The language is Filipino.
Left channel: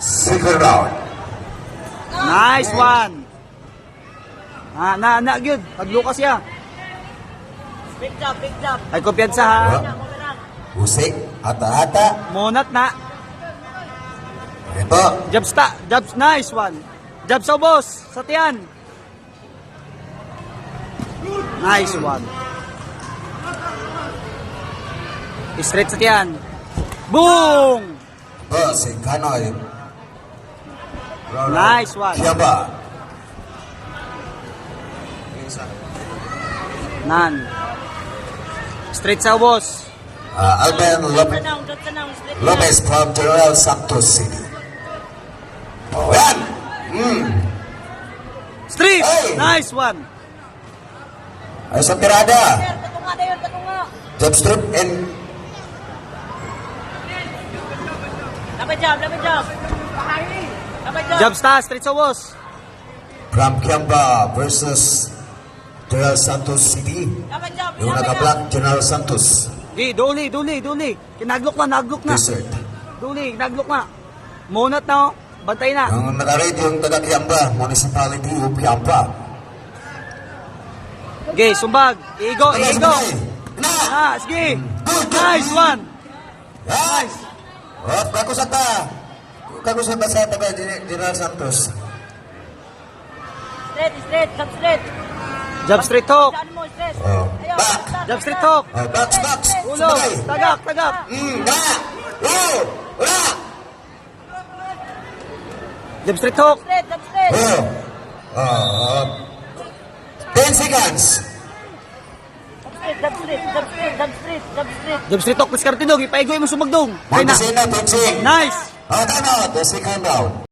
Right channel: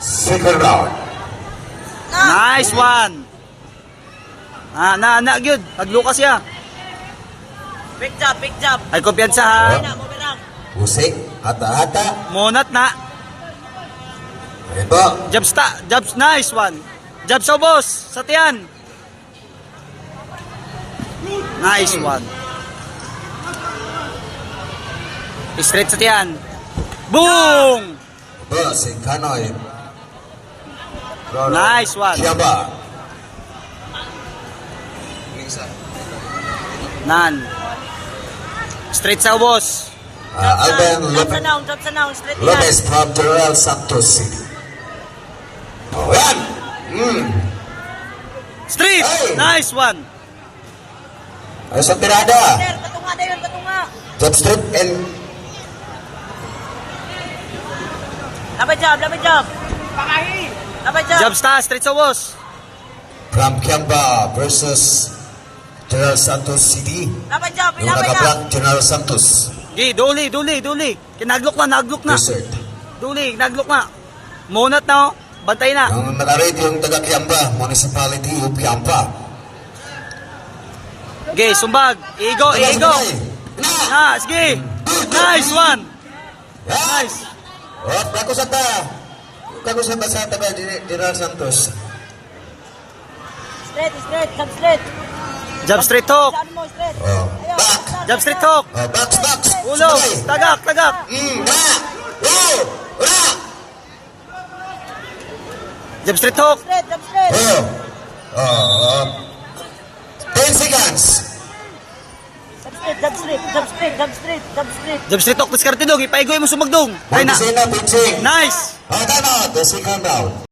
Second round. Nice one. Gyud. Naglukas siya. Big job. Ay kumpiyansa ha. Usik, hata-hata. Monat na. Ito. Jabs, nice one. Jabs sa boss, sa tiyan. Nice one. Straight sa tiyan. Boom! Ito, si Kanoy. Nice one. Kiaba. Nan. Straight sa boss. Ivan Lopez from General Santos City. Oh, yan. Straight. Hey! Nice one. Ay, sa tirada. Tatunga. Jab straight and Dapat job. Jabs ta, straight sa boss. from Kiamba versus General Santos City. Dapat job. Yung naka-block, General Santos. Gi, duli. Kinaglok na. Desert. Duli, naglok na. Monat na oh. Bantay na. Yung naka-rate yung taga-Kiamba, Municipality of Kiamba. Gi, sumbag. Igo. Na, sige. Nice one. Nice. Ako sa ta. Kami sa taga-General Santos. Straight. Jab straight hook. Saan mo, straight. Oh. Back. Jab straight hook. Box. Ulo. Sabay. Tagak. Back. Back. Jab straight hook. Straight. Oh. 10 seconds. Jump straight. Jab straight hook. Diskarte dong. Ipaigoy mo sumagdong. Kaya na. Boxing na, boxing. Nice. Tama, the second round.